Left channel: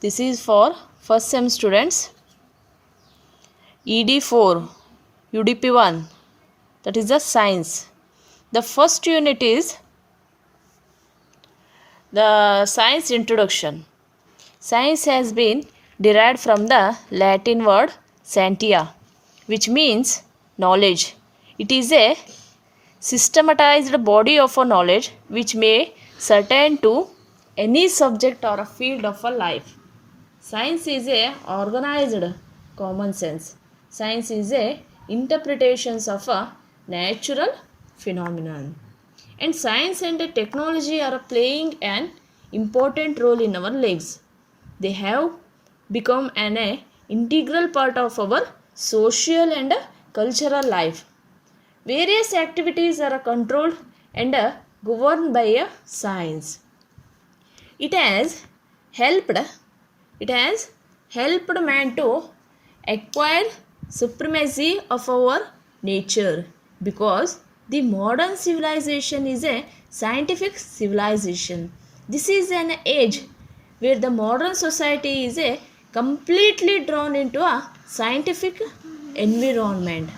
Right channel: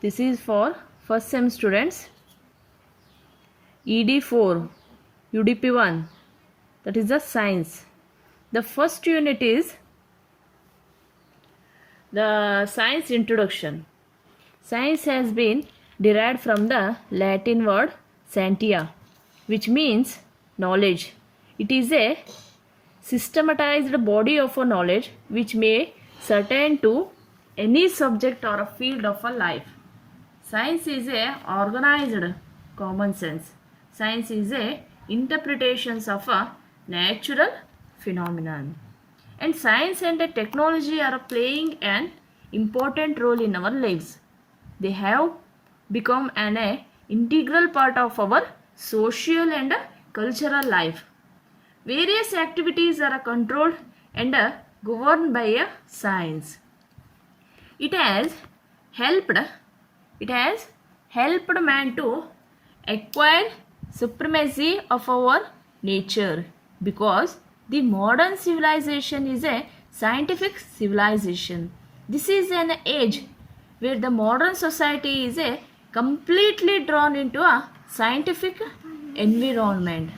This is for first sem students. ED4, UDP1, that is the science. The first unit is the science introduction. Science has been derived from the Latin word scientia, which means knowledge. It is a systematized body of a knowledge which may pertain to any subject or a field of a life. Science is a organized common sense. Science is a interpretations of a natural phenomenon. And science and technology are playing an important role in our lives. They have become an integral part of our social and cultural life. Various activities are controlled and governed by a science. It has helped man to acquire supremacy of our nature, because the modern civilization is a scientific civilization. This is an age where the modern society is a completely drawn into a scientific environment,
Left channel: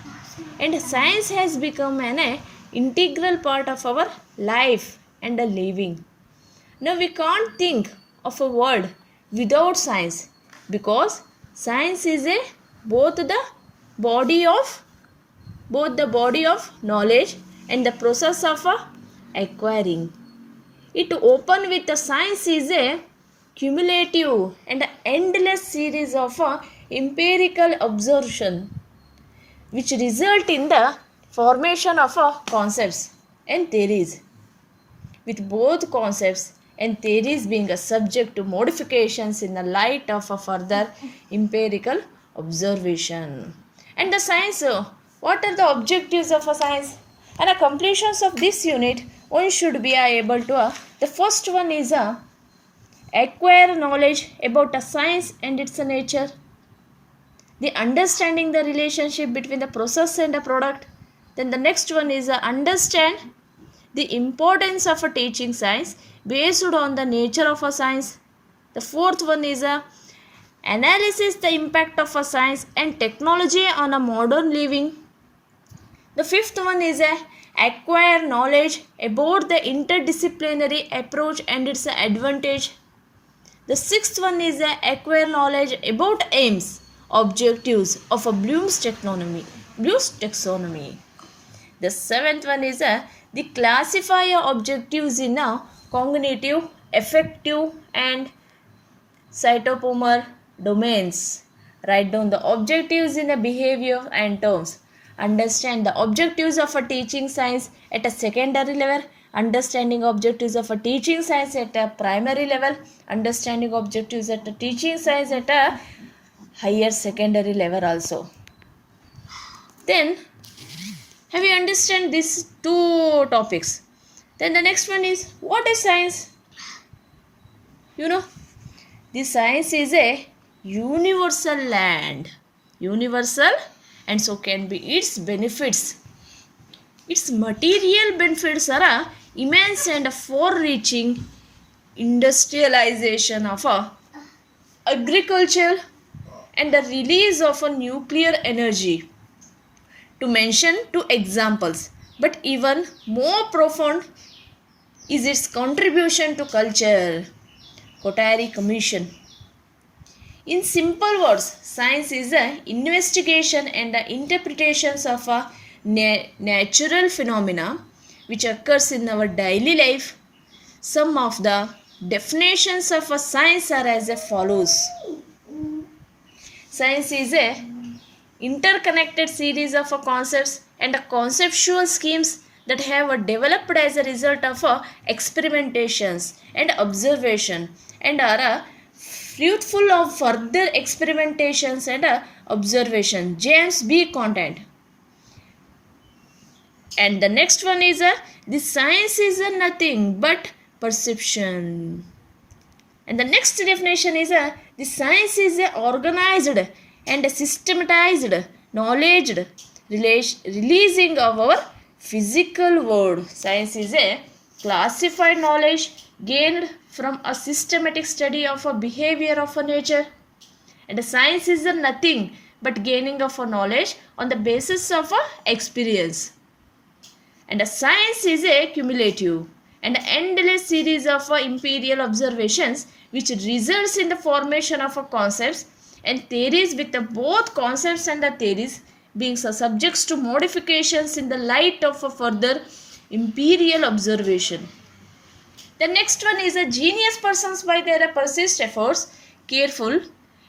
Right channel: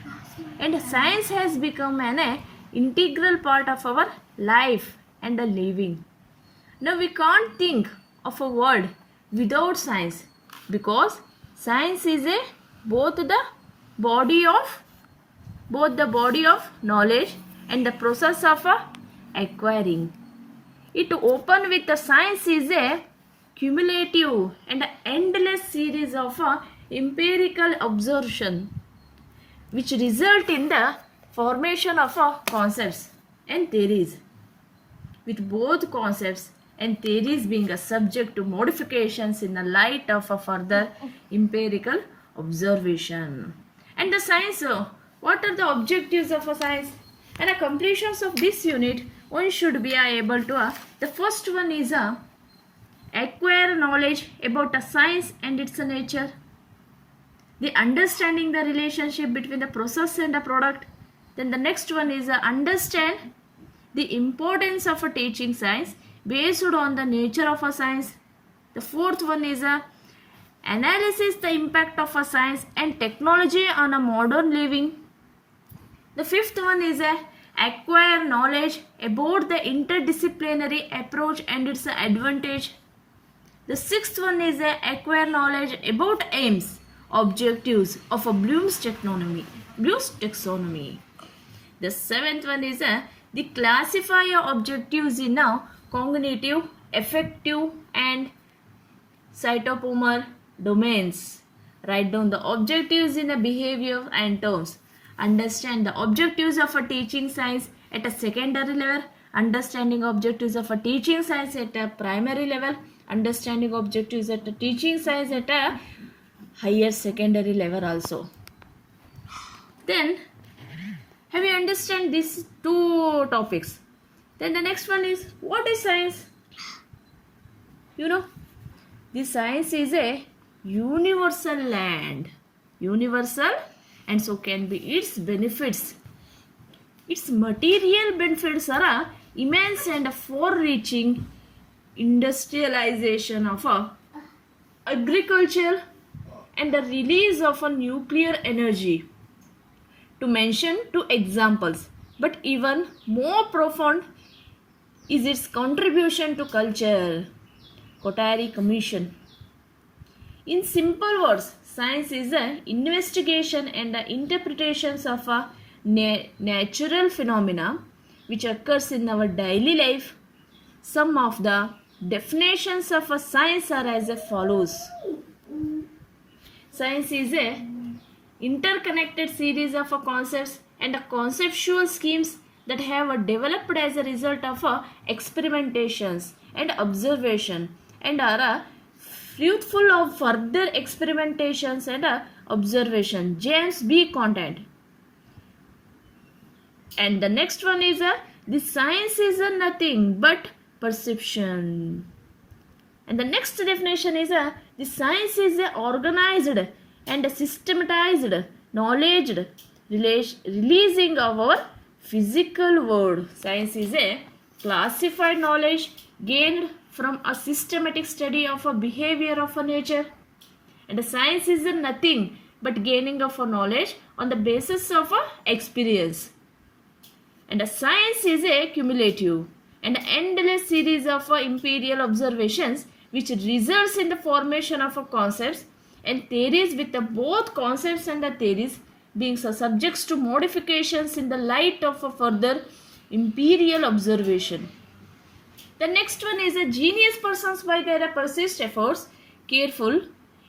and science has become an integral part of our life and a living. Now we can't think of a world without science, because science is a both the body of knowledge and the process of acquiring. It open with the science is a cumulative and endless series of empirical observation which result in the formation of concepts and theories, with both concepts and theories being a subject to modifications in the light of a further empirical observation. And the science, what are the objectives of a science? And a completions of this unit, one should be able to, the first one is acquire knowledge about a science and its nature, the understanding the relationship between the process and the product. Then the next one is understand the importance of a teaching science based on the nature of a science. The fourth one is analysis the impact of a science and technology on a modern living. The fifth one is acquire knowledge about the interdisciplinary approach and its advantage. The sixth one is acquire knowledge about aims, objectives of a Bloom's taxonomy. The seventh one is the classify objectives in cognitive, affective and cytopomor domains. Write down the objectives in a behavior and terms. Understand the objectives of a teaching science at a secondary level. Understanding objectives of a teaching science at a primary level. Understanding objectives at a teaching science at a higher secondary level also. Then have you understand these two topics? Then the next one is, what is science? You know, the science is a universal and so can be its benefits. Its material benefits are immense and far-reaching. Industrialization of agriculture and the release of a nuclear energy, to mention two examples. But even more profound is its contribution to culture. Kotari Commission. In simple words, science is an investigation and the interpretations of a natural phenomena which occurs in our daily life. Some of the definitions of a science are as follows. Science is a interconnected series of concepts and conceptual schemes that have developed as a result of experimentations and observation and are fruitful of further experimentations and observation. James B. Content. And the next one is the science is nothing but perception. And the next definition is the science is organized and systematized knowledge releasing of our physical world. Science is a classified knowledge gained from a systematic study of a behavior of a nature. And science is a nothing but gaining of a knowledge on the basis of a experience. And a science is a cumulative and endless series of empirical observations which results in the formation of a concepts and theories, with the both concepts and the theories being subjects to modifications in the light of a further empirical observation. The next one is a genius persons by their persist efforts, careful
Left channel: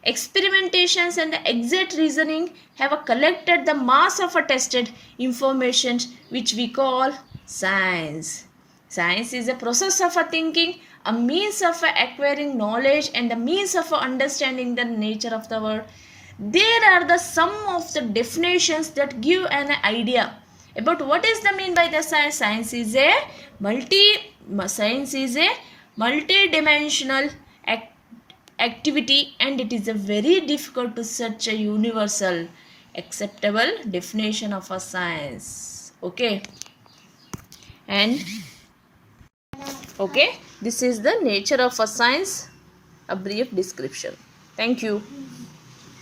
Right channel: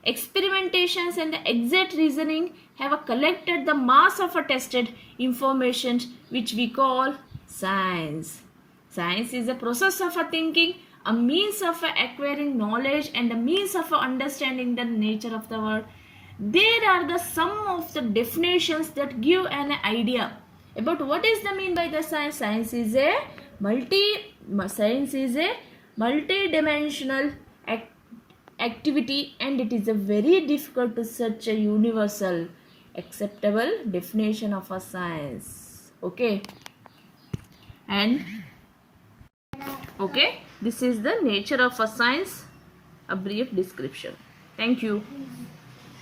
experimentations and exact reasoning have collected the mass of tested information which we call science. Science is a process of thinking, a means of acquiring knowledge and a means of understanding the nature of the world. There are the some of the definitions that give an idea about what is the mean by the science. Science is a multi-dimensional activity, and it is a very difficult to search a universal acceptable definition of a science. Okay, and okay, this is the nature of a science, a brief description. Thank you.